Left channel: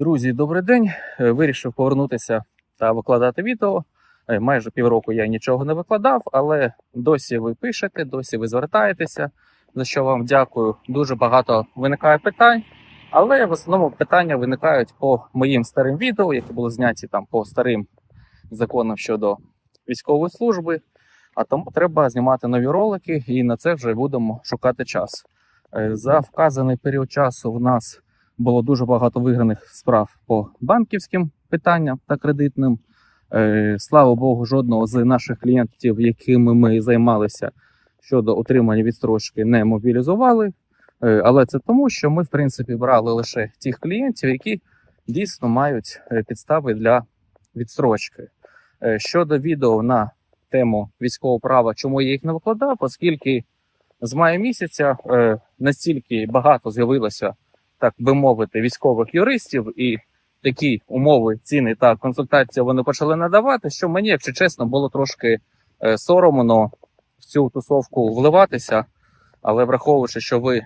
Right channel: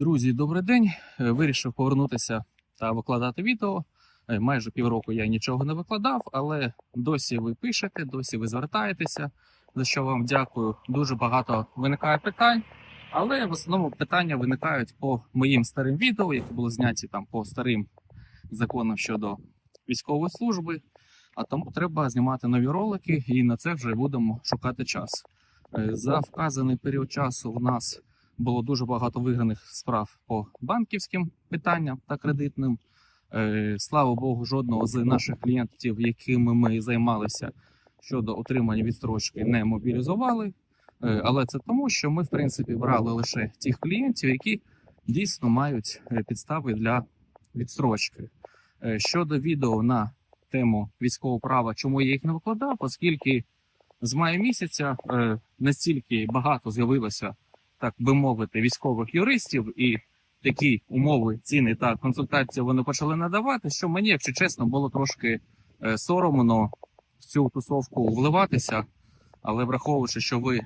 Друзі, добрий день. Е, Вирішив повернутися та викладати відео. Е, Майже півроку я нічого не викладав, але досі ви пишете, досі ви звертаєтеся. За що вам дякую. Дуже багато виникає питань, але в основному питання виникають по моїм старим відео, які були зняті там по старим законам щодо військової служби. А тому треба знімати нові ролики, і на це вже будемо шукати час. Е, За вказаний період часу у нас було дуже багато виграних справ по банківським питанням та кредитним. Е, Слава Богу, жодного з наших клієнтів, якими ми займалися щодо отримання відстрочки, не мобілізували. Е, Але це тому, що ми, в принципі, брали лише тих клієнтів, які дійсно мають е, підстави для відстрочки. Щодо відео на тему військового права, чому я їх не викладав, оскільки з мая місяця настільки багато з'явилося так би мовити, військових юристів, і такі умови, ціни та консультації вони почали надавати. Що мені, якщо чесно, було трошки е, соромно в цю тусовку вливатися, але враховуючи, що ви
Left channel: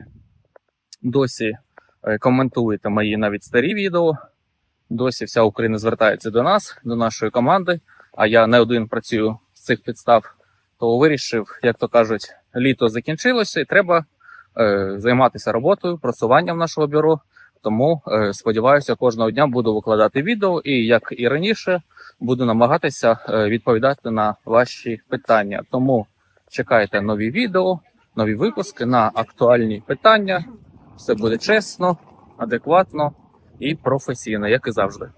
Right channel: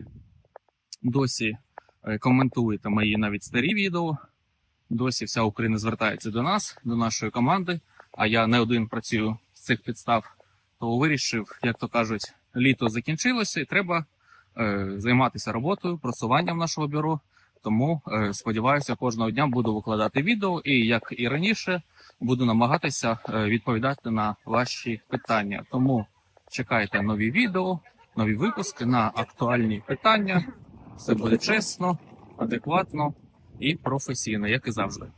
досі е, коментуєте мої навіть старі відео, досі вся Україна звертається до нас, до нашої команди. А я не один працюю з цих підстав, то вирішив, як то кажуть, літо закінчилося, і треба займатися роботою, просуванням нашого бюро. Тому е, сподіваюся, кожного дня буду викладати відео, і як і раніше, буду намагатися е, відповідати на ваші питання. Тому чекайте нові відео, нові випуски на актуальні питання. Все буде чесно, адекватно і професійно, як і завжди.